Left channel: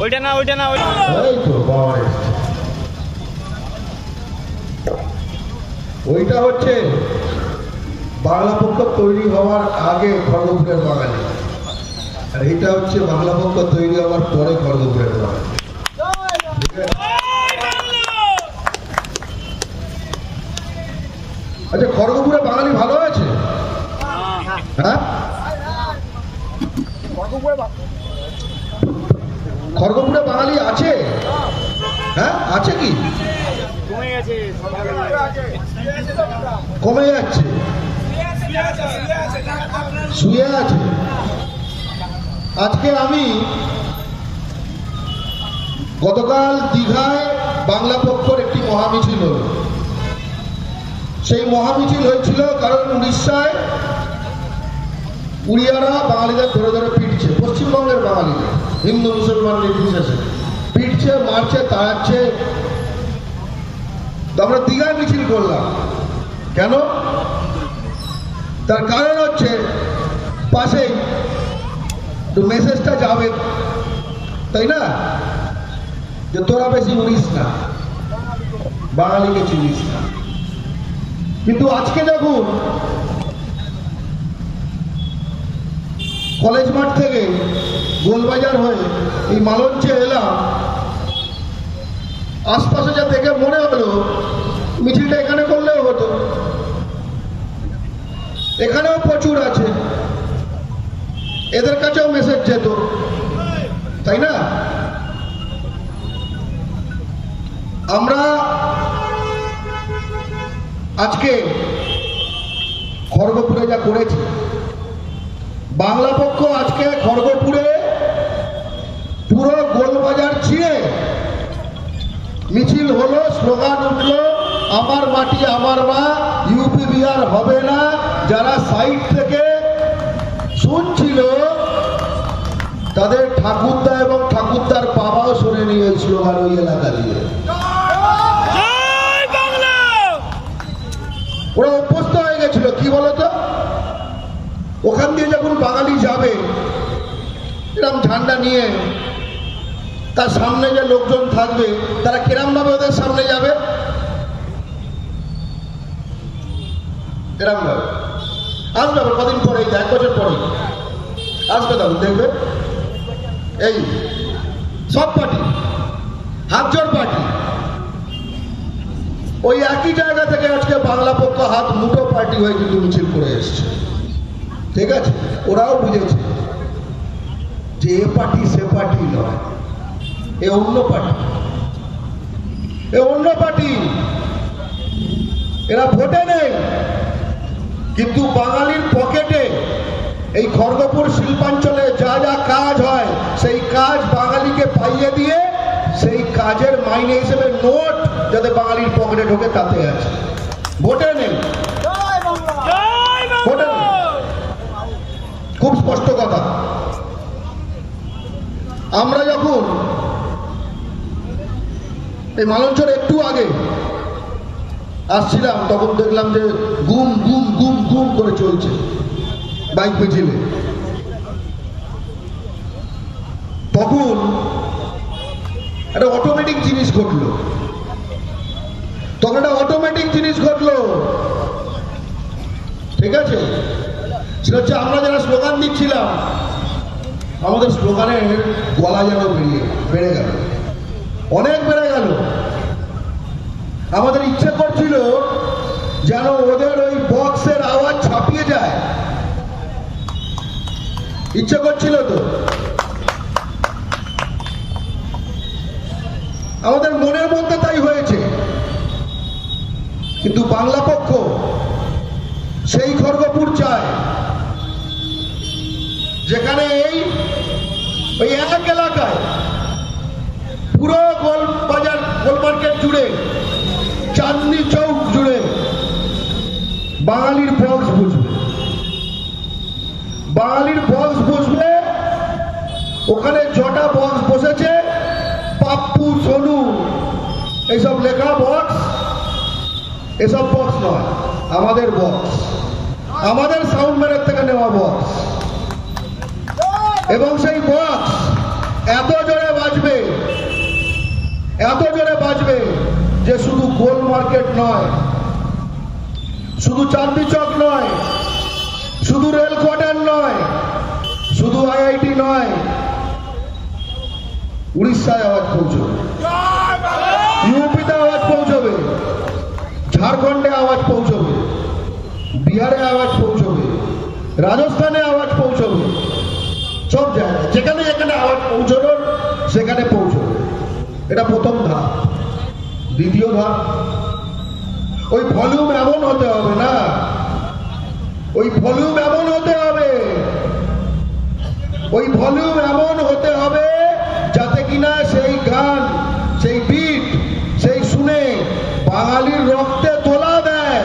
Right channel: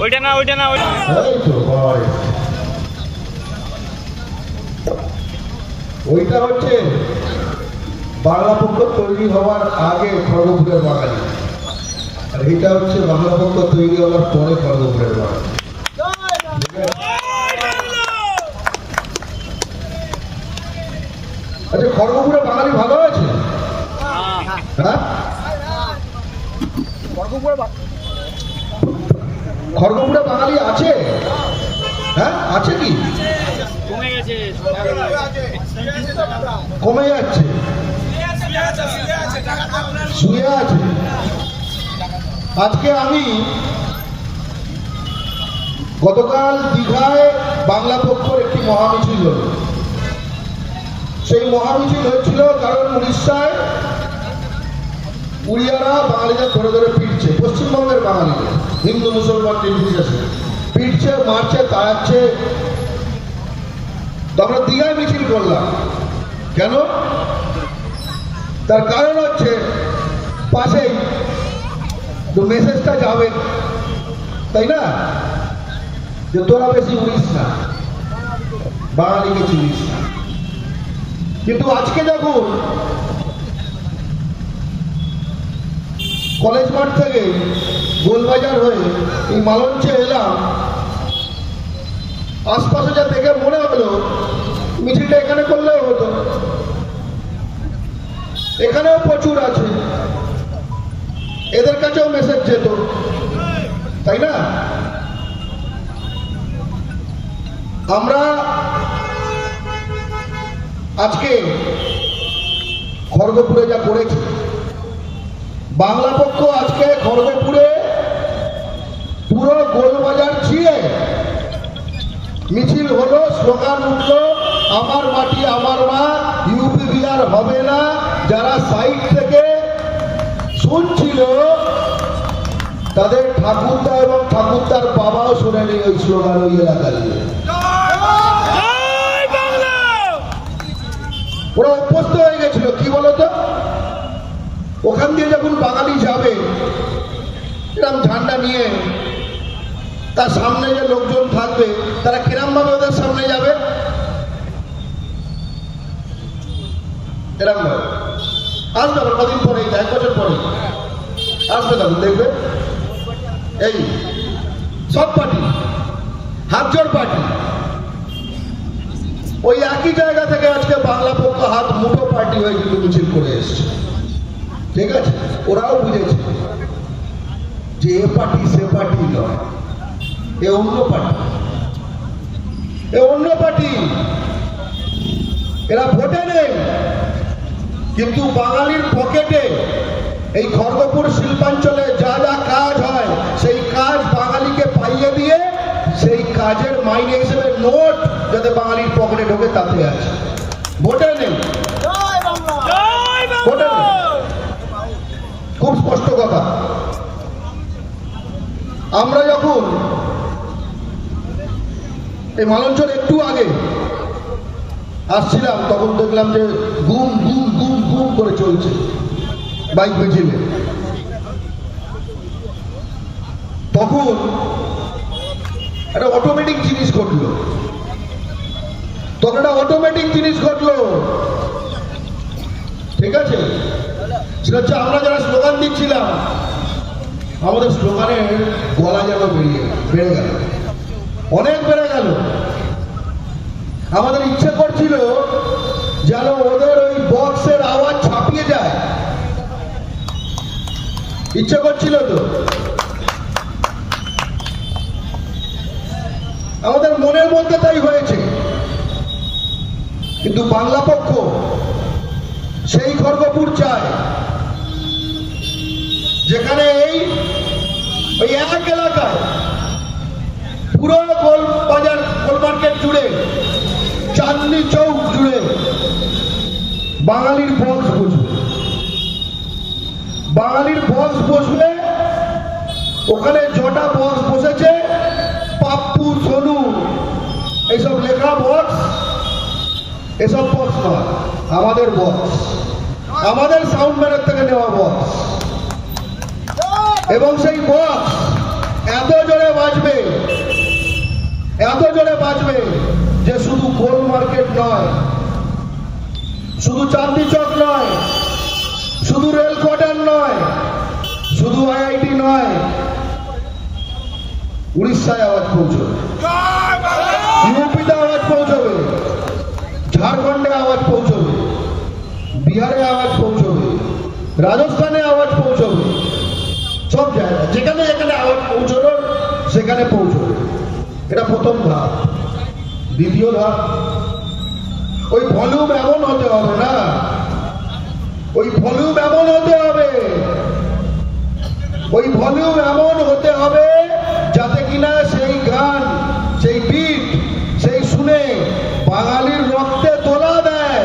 ওইটা না ওইটা না ওইটা হচ্ছে বাংলা পক্ষ তৈরি হওয়ার আগে খড়গপুরের বাঙালি। আর এইটা হচ্ছে বাংলা পক্ষ তৈরি হওয়ার পরে খড়গপুরের বাঙালি। আচ্ছা খড়গপুরে বাঙালি ভালো আছে হ্যাঁ। খড়গপুরে বাঙালি আছে? হ্যাঁ আছে কি? কমে যাচ্ছে। শুয়ে আছে। আজকে আমি গতকাল দীঘায় বাংলা পক্ষর একটি মহামিছিল। সেই মহামিছিল হয়েছিল কারণ উড়িষ্যায় উড়িয়ারা বাঙালিদের ধরে ধরে পিটছে, পশ্চিমবঙ্গের বাঙালিদের। হিন্দু মুসলমান নির্বিশেষে। পিটছে, মারছে, তাড়াচ্ছে। আমরা দীঘায় মিছিল করলাম। কেন? তার কারণ হচ্ছে, পাশেই তো মেসেজটা যাবে, তাই না? যে তোরা বেশি উড়িস না, বাঙালিকে চিনিস না। কিন্তু আজকে দেখুন, কলেজ মাঠ থেকে গোলবাজার হয়ে এই মালঞ্চে এলাম। আশপাশে যা দেখে মনে হলো, মিছিলটা এখানে করলেও হতো। এখানেও প্রচুর আছে। এদের কাছেও মেসেজ যেত। তাই না? আমরা আজকে খড়গপুরে যা করেছি বাংলা পক্ষ আজকে খড়গপুরে পুরো গোলবাজার ছিঁড়ে মিছিল হলো স্লোগান উঠল আমার মাটি আমার মা ইউপি বিহার হবে না। যারা সাইড থেকে শুনছিল তাদের ঠাকুরদা এবং ঠাকুরদার বাবাও শুনেনি ওই স্লোগান ওই এলাকা দিয়ে। ওরা অভ্যস্ত হয়ে গেছিল কি বলতো? ওখান দিয়ে যখন বাঙালি যাবে এরকম ঝান্ডা নিয়ে তার সামনে যে লোকজন থাকবে, তারা কিরম ভাবে ওদের সামনে যাবে? এরম ভাবে? আসবে আবার কদিন পরে এক বছর পরে। আসবে তখন, দেখবে? এই, সব পার্টি, হাত জোর পার্টি। ওই একই জায়গা থেকে আজকে বাংলা পক্ষ হাত মুঠো পার্টি হয়ে কিন্তু মিছিল করে এসছে। ঠিক আছে? ওরাও বুঝেছে যে এ পার্টি সে পার্টি নয়। এ অন্য পার্টি। এ অন্য পার্টি। এরা ভোটে নেই। কিন্তু বাঙালির পকেটে এই খড়গপুর শিল্পাঞ্চলে যা যা কাজ হয়, সেই কাজ বাঙালিকে পাইয়ে দিয়ে সেই কাজের মাইনে হিসেবে নোট যাতে বাঙালির পকেটে ঢোকে, তাতে আছে। ভোটে নেই। খুব স্পষ্ট কথা। আমরা যখন এই মালঞ্চর একটু আগে আসছিলাম, তখন দেখলাম যে গুম গুম গুম গুম করে চলছে বাইক মিছিলে। তখন একটা অটোমেটিক জিনিস ঘটলো। তখন একটা অটোমেটিক জিনিস ঘটলো। ঠিক আছে? সেটা হচ্ছে আমরা যারা স্লোগান দিচ্ছিলাম, আমাদের স্লোগানের গলা যেন বেরিয়ে বেড়ে গেল। অনেক বেড়ে গেল। আমাদের ইচ্ছে করছিল যেন ওদের ওই বক্সের আওয়াজ ছাপিয়ে যায়। ইচ্ছে করছিল তো। আমাদের মনের মধ্যে তাই হয়েছে। কিন্তু বাংলা পক্ষ সেই খড়গপুর চায়, যেখানে এই, ওই এক এলাকায় পুরো গোল বাজার, গোল মার্কেট জুড়ে, চাঁদনি চৌক জুড়ে বাঙালির বক্স বুঝবে। বাঙালির বক্স বসবে ওখানে জটা বক্স বসেছে, পাপ্পু, সোনু, এইসব লেখা বক্স, এসব বক্স নয়, আমাদের বক্স। আমাদের সাউন্ড ম্যানের থেকে নেওয়া বক্স। এবং সেই বক্স, এত এত জোরে বাজবে যে শুধু গোল মার্কেট নয়, শুধু চাঁদনি চক নয়, শুধু রেল কোয়ার্টার নয়, শুধু আইআইটি নয়, উড়িষ্যায় আওয়াজ পৌঁছবে। ইউপিতে আওয়াজ পৌঁছবে, ঝাড়খণ্ডে আওয়াজ পৌঁছবে, বিহারে আওয়াজ পৌঁছবে, রাজস্থানে আওয়াজ পৌঁছবে সব জায়গায় যেখানে এখানে আওয়াজ পৌঁছবে সেখানে পৌঁছবে এটা প্রথম ধাপ। দ্বিতীয় ধাপ। ওই ভলিউম এমন হতে হবে না। ওই ভলিউম এমন হতে হবে। ওই ভলিউম এমন হতে হবে যাতে কিনা সেই গান, সেই বিট সেই শুনে বাঙালির রক্তে তোলা দেয়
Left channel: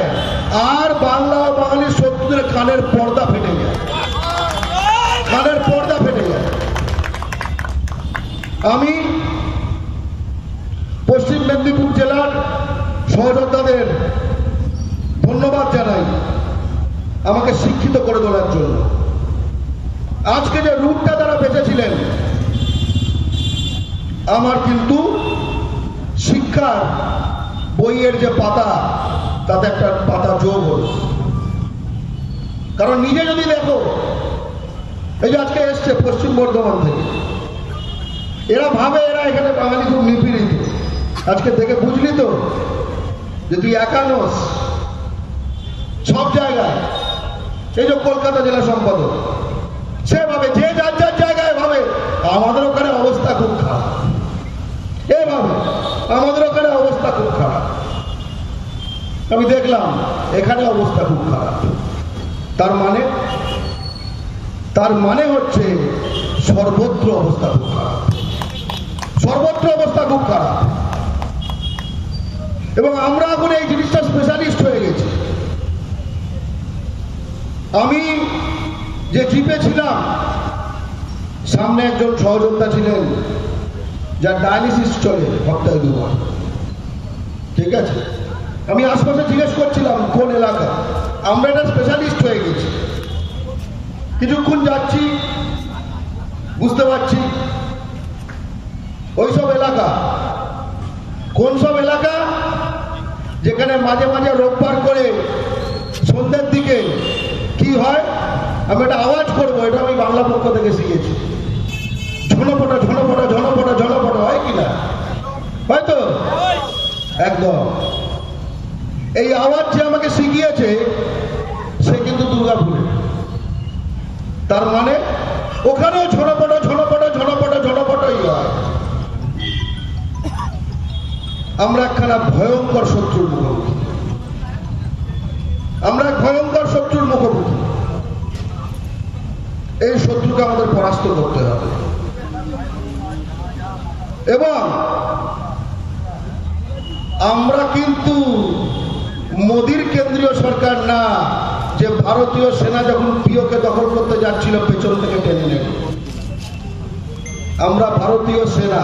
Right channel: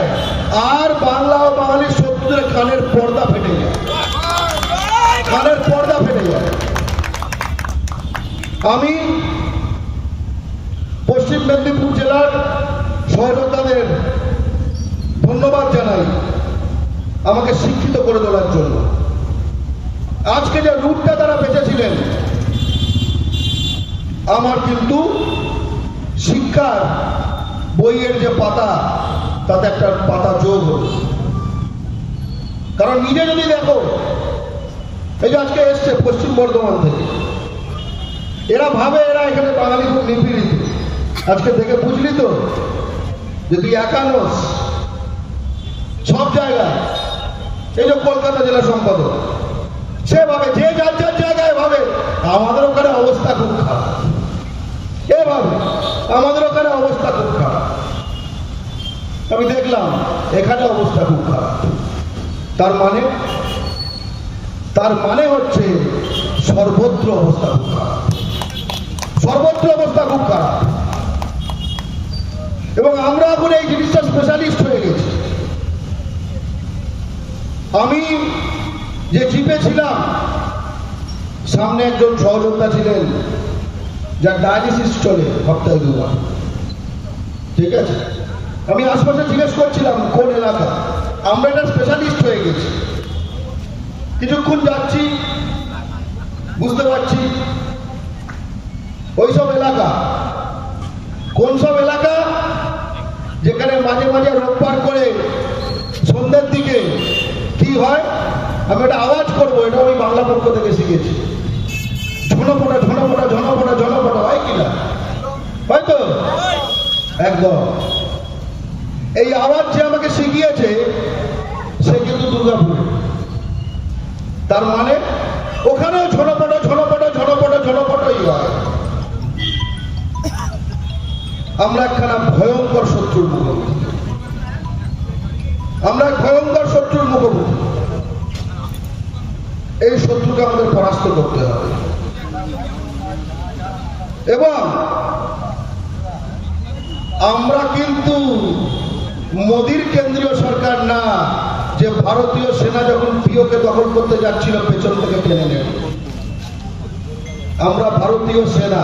আর বাংলা ও বাঙালির শত্রুদের কানের পর্দা ফেটে যায়। কানের পর্দা ফেটে যায়। আমি পশ্চিম মেদিনীপুর জেলার সহযোদ্ধাদের ধন্যবাদ জানাই আমাকে শিক্ষিত করে তোলার জন্য আজকে যে রূপটা তারা বেঁচেছিলেন আমার কিন্তু শিক্ষার বইয়ের যে পাতা, তাতে একটা পাতা যোগ হল। কারণ নিজে যদি দেখো, এই যে আজকে এসছে পশ্চিম বর্ধমান থেকে, এরা ভাবে এরা এখানে বাঙালি খুব নিপীড়িত। আজকে দেখে বুঝলি তো যে তুই একানস সব জায়গায়, এই যে কলকাতা জেলা সম্পাদক সে ভাবে যে যার যার জায়গায় আমাদের ওখানে অবস্থা খুব খারাপ। এ ভাবে? আমাদের ওখানে অবস্থা খুব খারাপ। আমি দেখলাম, এখানে অবস্থা খুব খারাপ। তার মানে? তার মানে হচ্ছে সর্বত্র অবস্থা খুব খারাপ। সর্বত্র অবস্থা খুব খারাপ। এবং আমরা এখন এই জিনিসটা স্পেশালিস্ট হয়ে গেছি। আমি যে জিপে ছিলাম সামনে একজন সহযোদ্ধা ছিলেন, যার ডায়ালিসিস চলে সপ্তাহে দুবার ঠিক আছে? আমি আশপাশে জিজ্ঞেস করছিলাম, কোন এলাকা? আমরা একটা স্পেশালিস্ট হয়ে গেছি। কিছুক্ষণ যাচ্ছি, বুঝতে পারছি। ওইসব এলাকা। কোন সব এলাকা? যেখানে মাঝে মাঝে রোববার করে সন্ধ্যের দিকে কি হয়? আমি একটা আওয়াজ করব, এটা আমি বাংলা পক্ষ থেকে শিখেছি। ঝনপটা ঝনপটা ঝনপটা ঝনপটা হয় কিনা একদম। এই আওয়াজ যে আমাকে শিখিয়েছে, সে কিন্তু দুর্গাপুরে। তার মানে ওখানেও ঝনপটা ঝনপটা ঝনপটা ঝনপটাই হয়। আমরা একখানা ভয়ঙ্কর এবং আমরা কিন্তু মোদির কেন্দ্রীয় সরকার না, যে ভারতীয় সেনা যখন পিওকে দখল করতে যাচ্ছিল, পেছন থেকে টেনে নেবে আমরা ভারতীয় সেনা,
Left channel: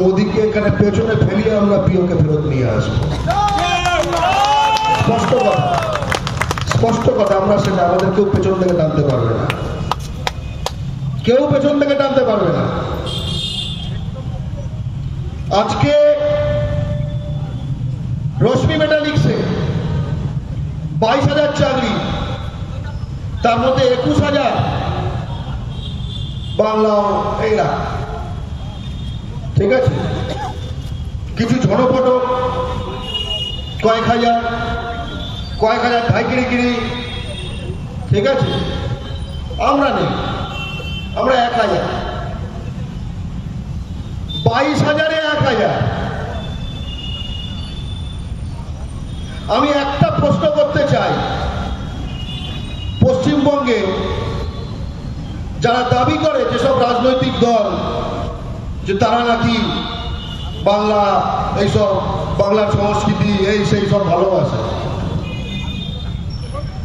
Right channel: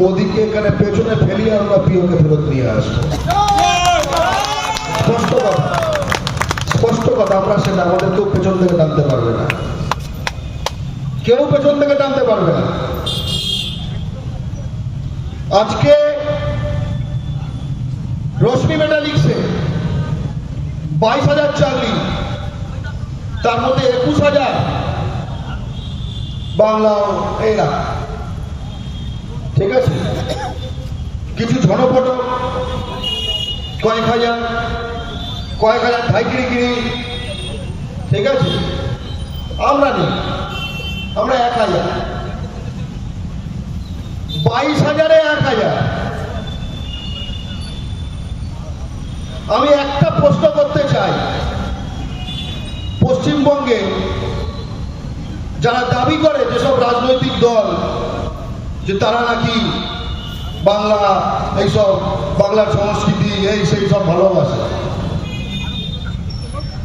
মোদিকে এখানে পেছনে ফেলিয়ে আমরা পিওকে ফেরত নিয়ে আসব। স্পষ্ট কথা। স্পষ্ট কথা, আমরা সেটা আমাদের কেউ পেছন থেকে টানতে পারবে না। কেউ পেছন থেকে টানতে পারবে না। আজকে রশ্মি মেটালিক্সে বাইশ হাজার চাকরি, তার মধ্যে একুশ হাজার বাংলা এরা। ঠিক আছে? কিছু ঝনপট, কয়েক হাজার কয়েক হাজার ঢাইকিরি গিরি ঠিক আছে? আমরা নেই। আমরা এক হাজার। বাইশ হাজারে এক হাজার। আমি একটা প্রশ্ন করতে চাই। পশ্চিমবঙ্গে যারা দাবি করে যেসব রাজনৈতিক দল, যে তারা নাকি বাংলা, এইসব বাংলার সংস্কৃতি, এই সেই সব ভালোবাসে।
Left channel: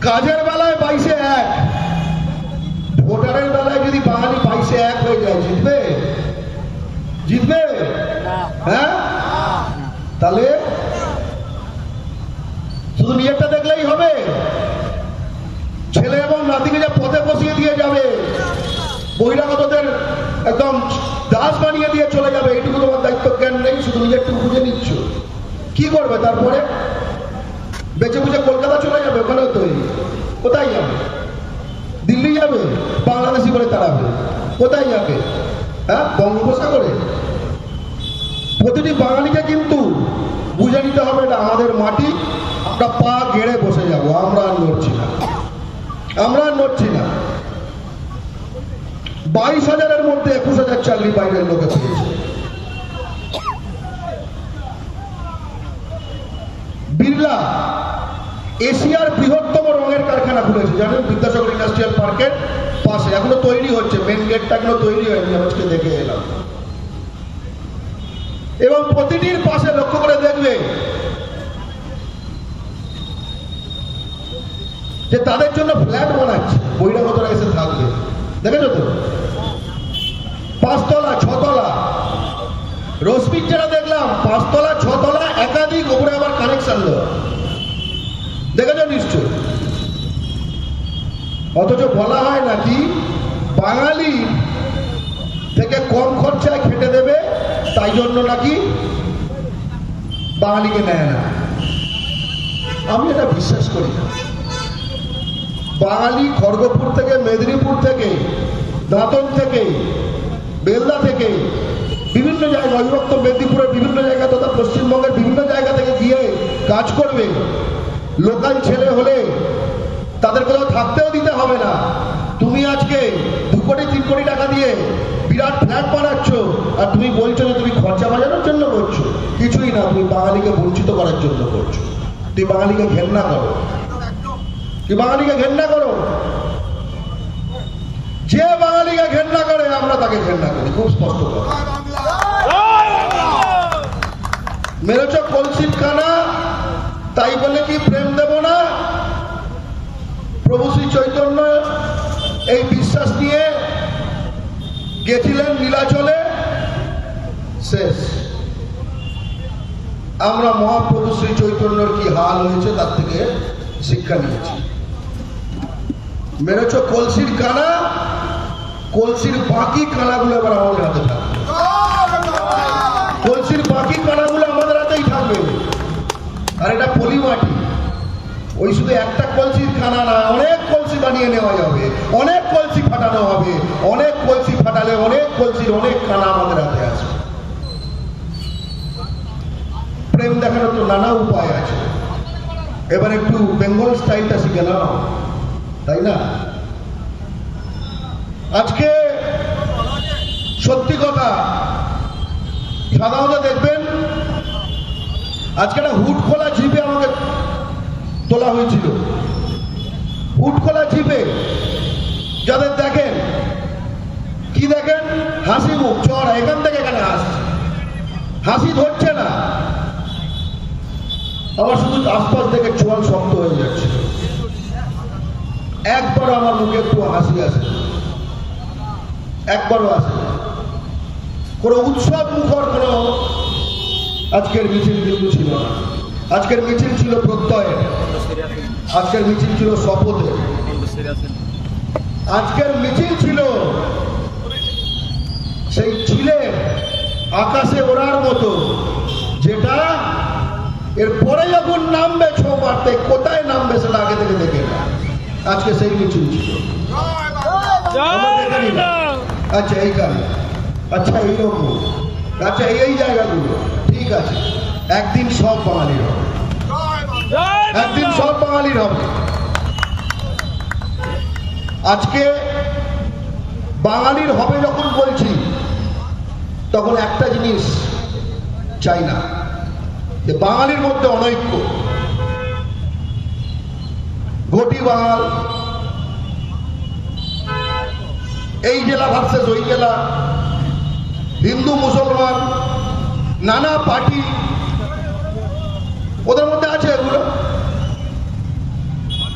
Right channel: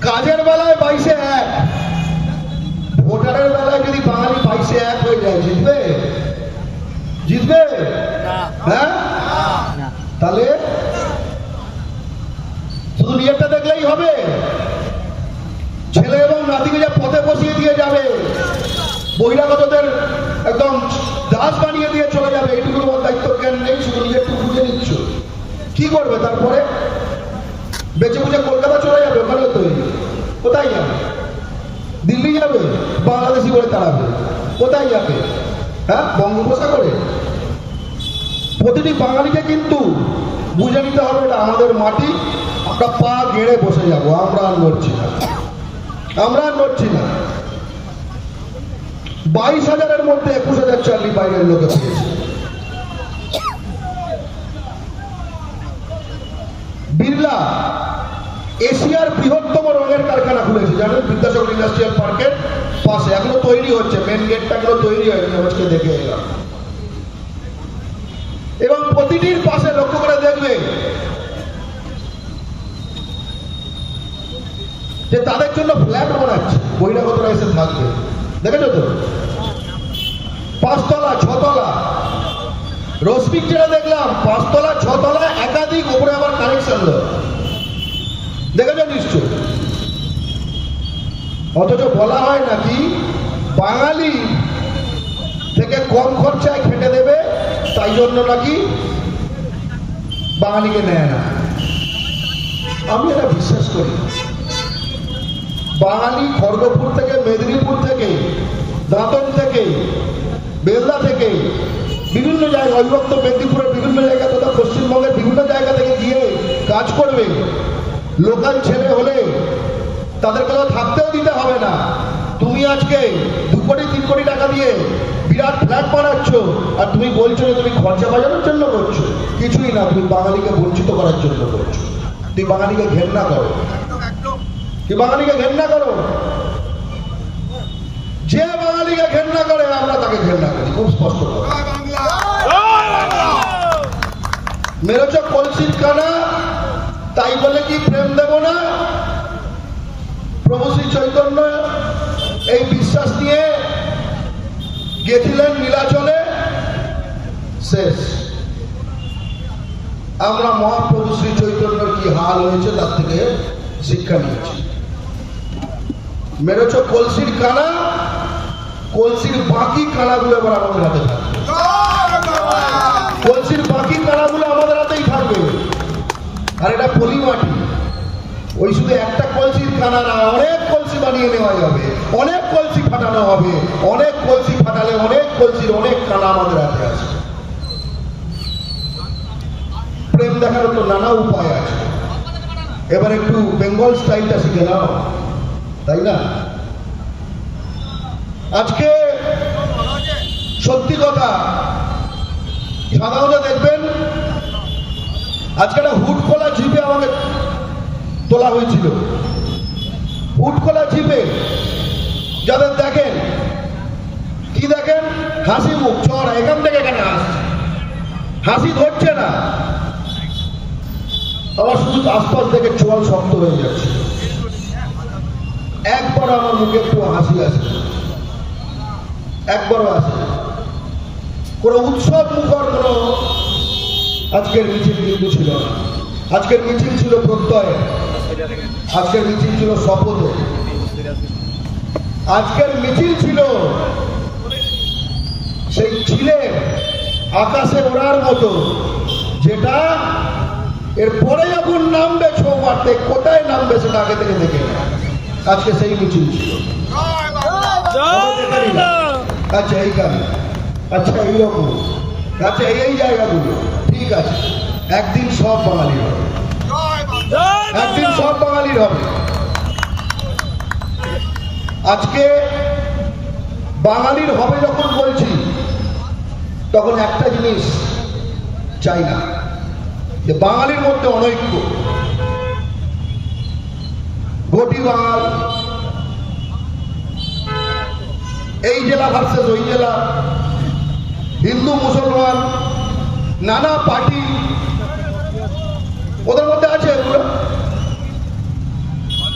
কাজের বেলায় বাইশে এক, ভোটারের বেলায় যদি বাঙালি জিতবে হ্যাঁ? তাহলে শুধু বিয়েটা দেখলেই হবে। ছেলে এবং নাতিকে যা পথে বসিয়ে দিয়ে যাবে বহিরাগতদের একদম দাস বানিয়ে দিয়ে চলে যাবে এইটুকু তোমার দায়িত্ব জ্ঞান নেই শুধু নিজেরটু বুঝে নিচ্ছ। কি করবে তারপরে? বেঁচে বুঝে কলকাতা চলে যাবে ওখানে তো কোথায় যাবে? দিল্লি যাবে বাংলাদেশি করে তাড়াবে। কোথায় যাবে? হ্যাঁ বঙ্গোপসাগরে? প্রতিটি বাঙালিকে কিন্তু বুঝে নিতে হবে এটা আমাদের মাটি। আমরা পা গেড়ে বসে যাব, আমরা আর নড়ছি না। আমরা আর নড়ছি না। বাইশ হাজারের মধ্যে একুশ হাজার চাকরি বাইরের লোকে পেয়েছে। বিড়লা, এশিয়ার বৃহত্তম রঙের কারখানা খুলেছে। জানেন বিদ্যাসাগর ইন্ডাস্ট্রিয়াল পার্কের পাশে। এখনও তৈরি হচ্ছে মেন গেটটা এখনও তৈরি হয়নি আজকে দেখে এলাম। এবং প্রতিটির পাশে লক্ষ্য করে দেখবে যে তাদের জন্য ফ্ল্যাট বানাচ্ছে, বহিরাগতরা এসে থাকবে। দেখেছ তো? পাঁচতলা, ছতলা। রশ্মির যেটা দেখলাম, পাঁচতলা, ছতলা, একাধিক উপরে আবার কানেকশন দেওয়া। দেখেছ নিশ্চয়? অথচ বলা হয় নাকি বাঙালি থেকে কম খরচায় তাই জন্য নাকি বাঙালিকে নেয় না। আমি এটা বিশ্বাস করি। বাঙালি খড়গপুর থেকে, মেদিনীপুর থেকে, দাঁতন থেকে, বেলদা থেকে, বিভিন্ন জায়গায় অবিভক্ত মেদিনীপুরের বিভিন্ন জায়গা তথা পশ্চিমবঙ্গের বিভিন্ন জায়গা থেকে গিয়ে কাজ করবে। লোকাল ছেলে হলে তাদের কোথাও থাকতেও দিতে হবে না তুমি আজকে দু কোটি টাকা দিয়ে বিরাট ফ্ল্যাট বানাচ্ছ, আর তুমি বলছো যে তুমি খরচা বাজানোর জন্য করছ। কিছুই না, তুমি বাঙালিকে বঞ্চিত করার জন্য করছ। তুমি বাঙালিকে ঘেন্না করো। কি বাঙালিকে ঘেন্না করো। যে বাঙালিকে ঘেন্না করে, আমরা তাকে ঘেন্না করি। খুব স্পষ্ট কথা। মেরেছ কলসির কানা, তাই বলে কি প্রেম দেব না? প্রভু শ্রী চৈতন্য এই বিশ্বাস নিয়ে গেছিলেন নীলাচলে? শেষ। আমরা মহাপ্রভু শ্রী চৈতন্যের কি হাল হয়েছে তার থেকে শিক্ষা নিয়েছি। মেরেছ কলসির কানা, কলসির বাকি কানাগুলো এবার আমাদের হাতে থাকবে। কলসির বাকি কানাগুলো আমাদের হাতেই থাকবে। আর এটা পলি মাটি ওই শুধু একটা কলসির কানা না, অনেক কলসি বানিয়ে নেওয়া যাবে। অনেক কলসি ফাটানো হবে। অনেক কলসি ফাটালে অনেক কলসির অনেক কানা আমাদের হাতে আছে প্রেম দেখানোর তো নানা উপায় আছে। এবার একটু বেঙ্গল স্টাইলটা শিখে নাও। তাই না? আজকে সত্যি কথা, সাধারণত দেখবেন, আজকে একটা হুট খোলা জিপে আমাকে তোলা হয়েছিল। হুট খোলা যাদের দেখেন, কি দেখেন? হাসি মুখ, চড়া, এখান থেকে কেন আসছে হাসি ধরছে না। আমার শুধু আশপাশ থেকে চোয়াল শক্ত হয়ে যাচ্ছে। একবার আমার মুখে একটু হাসি আসে একবারও আসে। কোনো উৎসব মুখর কোনো আজকের মিছিল কিন্তু ছিল আজকের মিছিল ছিল প্রত্যয় আজকের মিছিল ছিল শপথে। আজকের মিছিল ছিল সেই ছিলেন আকাশে ওড়ার মতো, যেটা এরপরে যখন নামবে ছৌ মারতে কোথায় নামবে সেটা আগে থেকে দেখে আজকে সেই মিছিল ছিল। আচ্ছা এইখানে আচ্ছা এইরকম। আচ্ছা এই এই জায়গাগুলো। ঠিক আছে। একদিন সব বাঙালির। হবে একদিন সব বাঙালির হবে। আজকে বাঙালির হবে যখন বলছি, তখন একটা জিনিস চাই না, যে বাঙালির মধ্যে অনৈক্য। ঘটি বাঙাল, এই জেলা ভার্সেস ওই জেলা, হিন্দু, মুসলমান, নানা পার্টি ওদের মধ্যে আছে এগুলো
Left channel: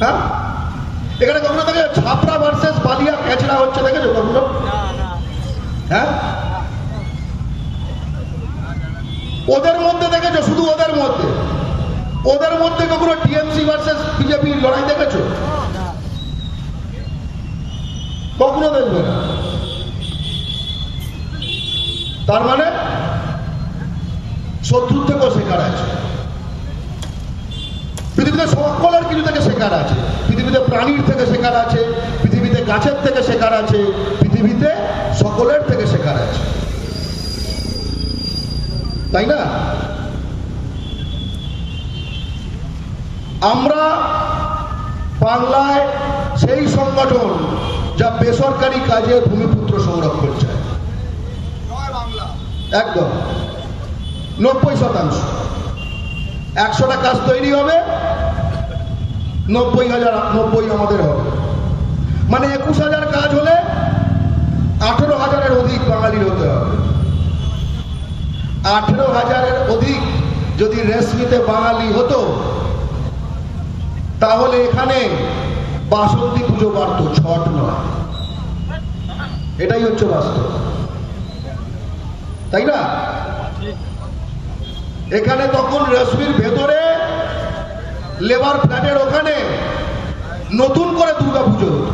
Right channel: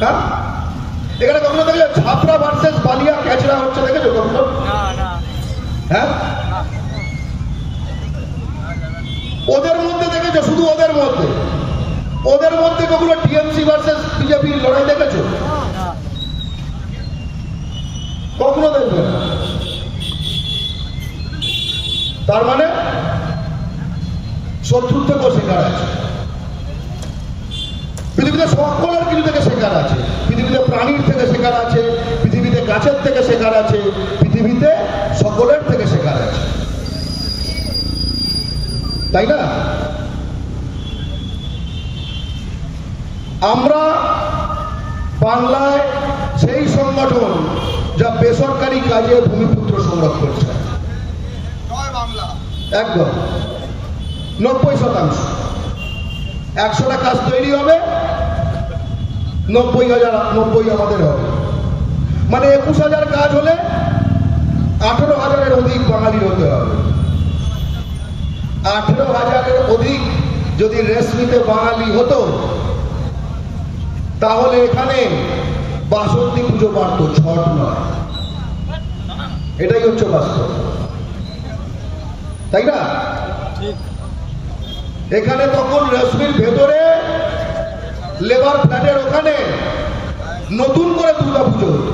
হ্যাঁ? এখানে কখনো দেখে ছাপড়া ভার্সেস বালিয়া ক্যাচড়া হচ্ছে দেখেছ কখনো? হ্যাঁ? ওদের মধ্যে দেখেছ? শুধু ওদের মধ্যে। ওদের মধ্যে কখনো টিএমসি ভার্সেস বিজেপি লড়াই দেখেছ? কখনো দেখবে না। তার মানে? পৃথিবীতে সকলের কিছু থেকে শেখার আছে। পৃথিবীতে প্রাণীর থেকে শেখার আছে পৃথিবীতে গাছের থেকে শেখার আছে পৃথিবীতে সকলের থেকে শেখার আছে। তাই না? আমরা বাংলায় সেই সংগঠন যা বেসরকারি কাজে ভূমিপুত্র সংরক্ষণ চায়। একদম। নব্বই শতাংশ। একশোটা কাজ তৈরি হবে, নব্বই হাজার, নব্বই আমাদের হবে। মানে একুশ হাজার কাজ হলে আঠেরো হাজারের অধিক বাঙালির হতে হবে। আঠেরো হাজারের অধিক যদি রেশমিতে বাঙালি হতো, তাহলে এখানে বাসন্তী পুজো পারত ছট নয়। এটাই হচ্ছে বাস্তব। তাই না? এখানে তখন রেশমির ভেতরে লেবার ফ্ল্যাটের ওখানে নতুন করে দুর্গা পুজো হতো।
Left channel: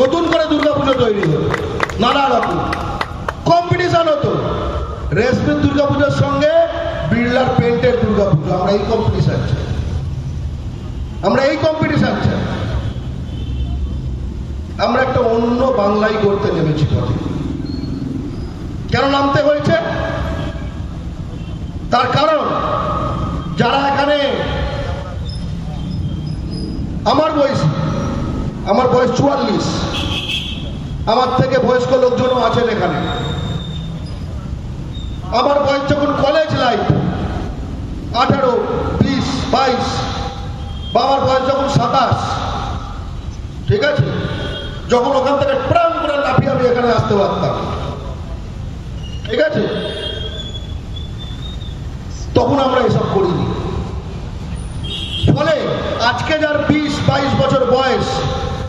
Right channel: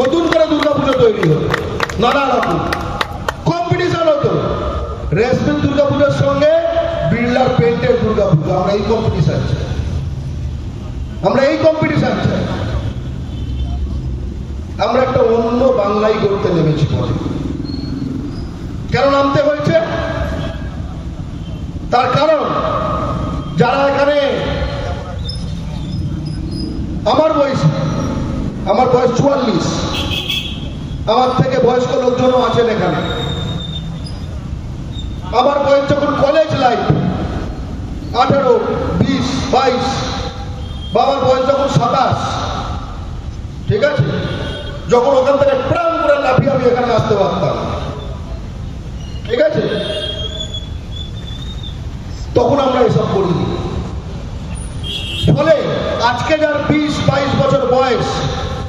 নতুন করে দুর্গা পুজো তৈরি হতো নানা রকম। কম্পিটিশন হতো। রেশমির দুর্গা পুজোর সঙ্গে বিড়লার পেন্টের দুর্গা পুজো আমরা এই কম্পিটিশন চাই। আমরা এই কম্পিটিশন চাই। আমরা একটা অন্য বাংলায় করতে নেমেছি কেন নামতে হয়েছে? তার কারণ, যারা এখানে আমার বয়স আমার বয়স চুয়াল্লিশ, আমার থেকে বয়স্ক লোকজনও আছেন এখানে। আমার বয়স যখন কলেজ লাইফ আঠেরো, বিশ, বাইশ বাবার বয়স যখন সাতাশ, ঠিক আছে? যখন ওখান থেকে প্রাণ করে লাফিয়ে আমি এখানে আসতে পারতাম। ঠিক আছে? তখন আমরা এসব করিনি। ফলে আজকে যার বিশ, বাইশ বছর বয়স,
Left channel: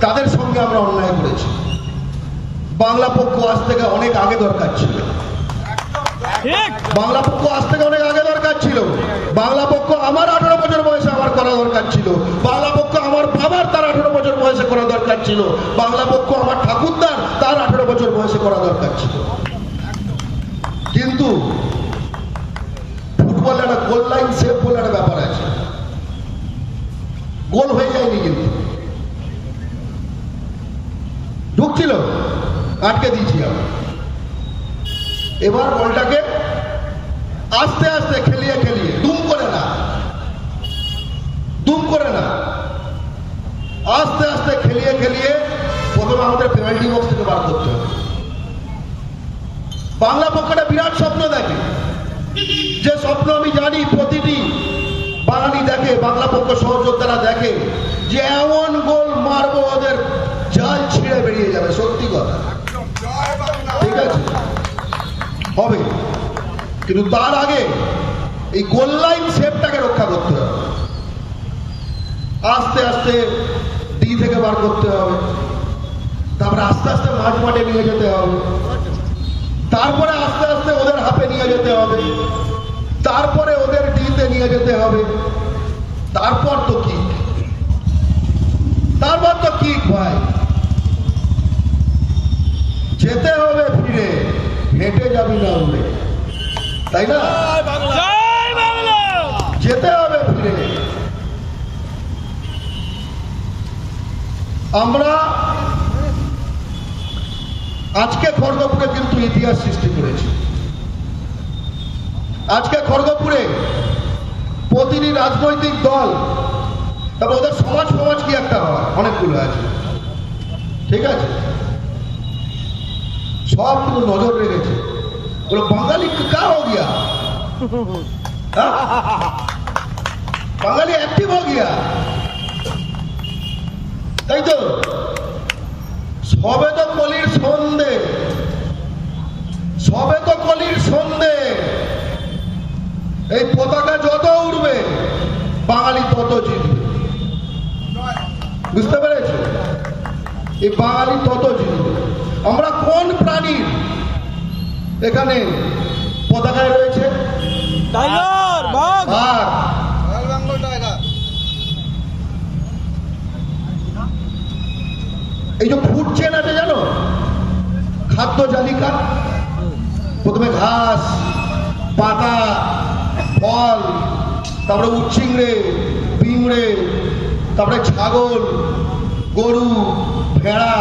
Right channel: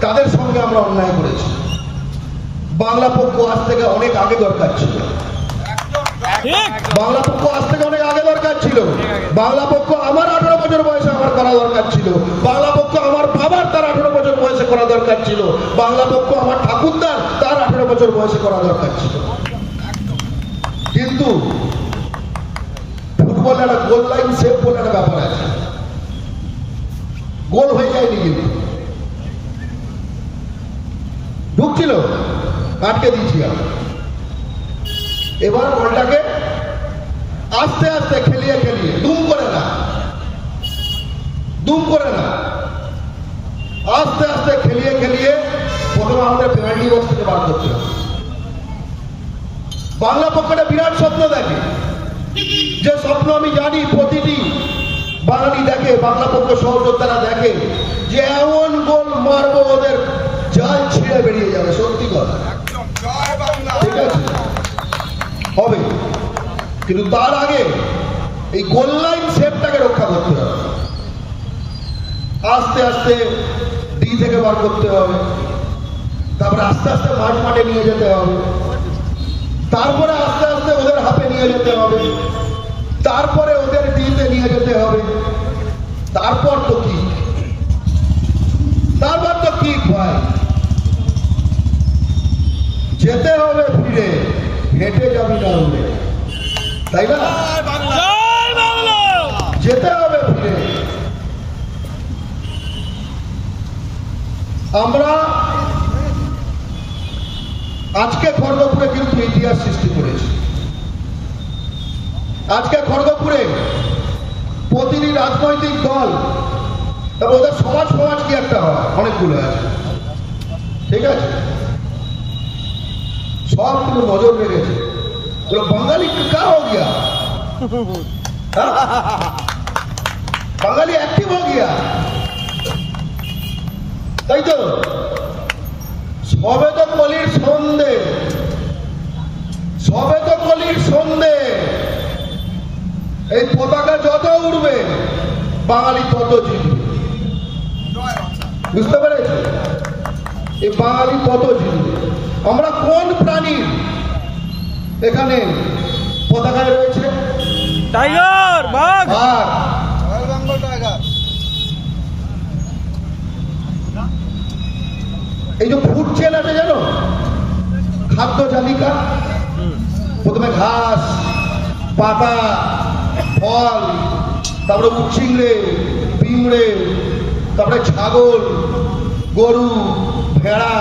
তাদের সঙ্গে আমরা অন্যায় করেছি। বাংলা পক্ষ আজ থেকে অনেক আগে দরকার ছিল। বাংলা পক্ষ আজ থেকে অনেক আগে দরকার ছিল। বাংলা পক্ষ আমার আঠারো বছর বয়সে আমার করা দরকার ছিল। বাংলা পক্ষ আমার বাবার তার আঠারো বছর বয়সে করা দরকার ছিল। বাংলা পক্ষ আমার ঠাকুরদার তার আঠারো বছর বয়সে করা দরকার ছিল। গোল হয়ে যায়নি কিন্তু। ঢুকছিল আটকে দিয়েছি এবার বলটাকে আস্তে আস্তে খেলিয়ে খেলিয়ে, দুম করে না। দুম করে না। আস্তে আস্তে খেলিয়ে খেলিয়ে প্রথমে আমাদের পেনাল্টি বক্স থেকে বার করতে হবে। বাংলা পক্ষটা বিরাট স্বপ্ন দেখে। যে স্বপ্ন আমি জানি প্রতিটি বাঙালি দেখে বাংলা পক্ষ সহযোদ্ধারা দেখে যে এমন গোল মারবো ওদের জাল ছিঁড়ে বেরিয়ে যাবে, সত্যি কথা। ঠিক আছে? হবে। কিন্তু তার আগে এই গোল লাইন শেপটাকে রক্ষা করতে হবে। আস্তে আস্তে ডি থেকে বার করতে হবে। তারপরে আস্তে আস্তে মাঠ মাঠে নিয়ে যেতে হবে। তারপরে আস্তে আস্তে ওদের হাতে নিয়ে যেতে হবে। তারপরে ওদের ডিতে নিয়ে যেতে হবে তারপর তো কি? তারপর তো কি ভাই? যেতে হবে ফিরে হেঁটে যাবি না উড়ে তাই না? জয় বাংলা। জয় বাংলা। যেতে হবে ফিরে আমরা আজকে খড়গপুরে কিন্তু ইতিহাস সৃষ্টি করেছি। আজকে খড়গপুরে প্রতিটি রাজনৈতিক দল। তবে ওদের সমাজ সমাজ কি একটা হয়? অনেকগুলো আছে। ঠিক আছে? সব কিন্তু নজর রেখেছে। বলে, বাঙালি কা হো গিয়া বাঙালি অ্যাক্টিভ হয়ে গিয়া তাই তো? সবে তো কলির সন্ধে। সবে তো কলির সন্ধে। এই পতাকা যত উঠবে বাঙালি তত জিতবে। বুঝতে পেরেছি? এই বাঙালি তত জিতবে। আমরা কোন প্রাণীর এখানে পতাকায় রয়েছে? টাইগার বাঘ। Royal Bengal tiger. এই যে ফুড চেন আছে জানো? খাদ্য জালিকা। প্রথমে ঘাস পাতা ফল, তারপরে উচ্ছিংড়ে পিংড়ে তারপরে ছাগল, গরু, ভেড়া,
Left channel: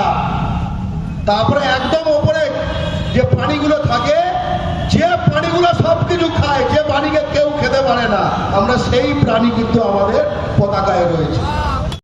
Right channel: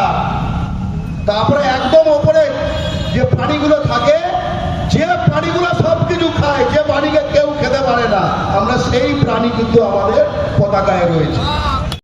তারপরে একদম ওপরে যে প্রাণীগুলো থাকে, যে প্রাণীগুলো সব কিছু খায়, যে প্রাণীকে কেউ খেতে পারে না, আমরা সেই প্রাণী কিন্তু আমাদের